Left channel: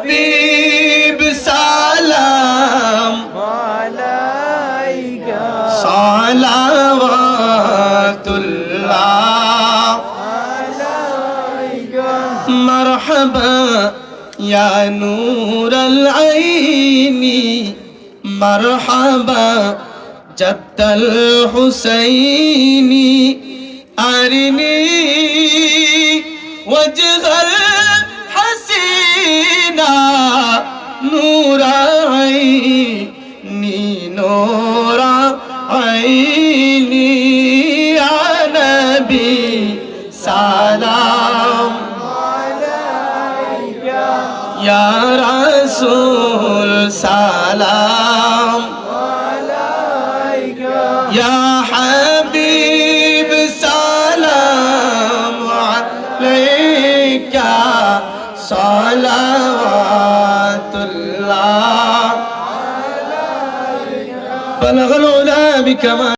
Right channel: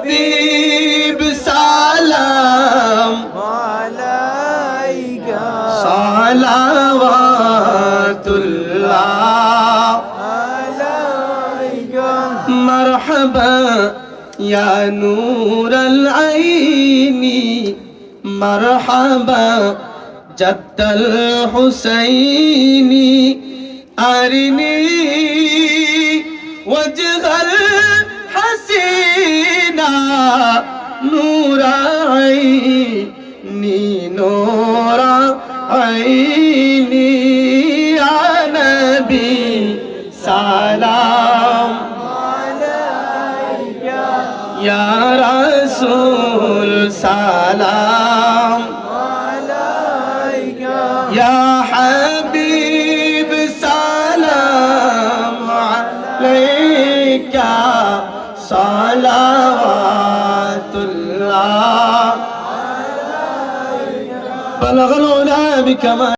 হাবিব সালাম আলাইকা সালাওয়াতুল্লাহ আলাইকা মারহাবা ইয়া নূরাল আইনি মারহাবা জাদ্দাল হুসাইনি আরিনি ওয়াজহাল হাসিনা নূরা আইনি নূরা আইনি ইয়া নবী সালাম আলাইকা ইয়া রাসূল সালাম আলাইকা ইয়া হাবিব সালাম আলাইকা সালাওয়াতুল্লাহ বালাগাল উলা বিকামাল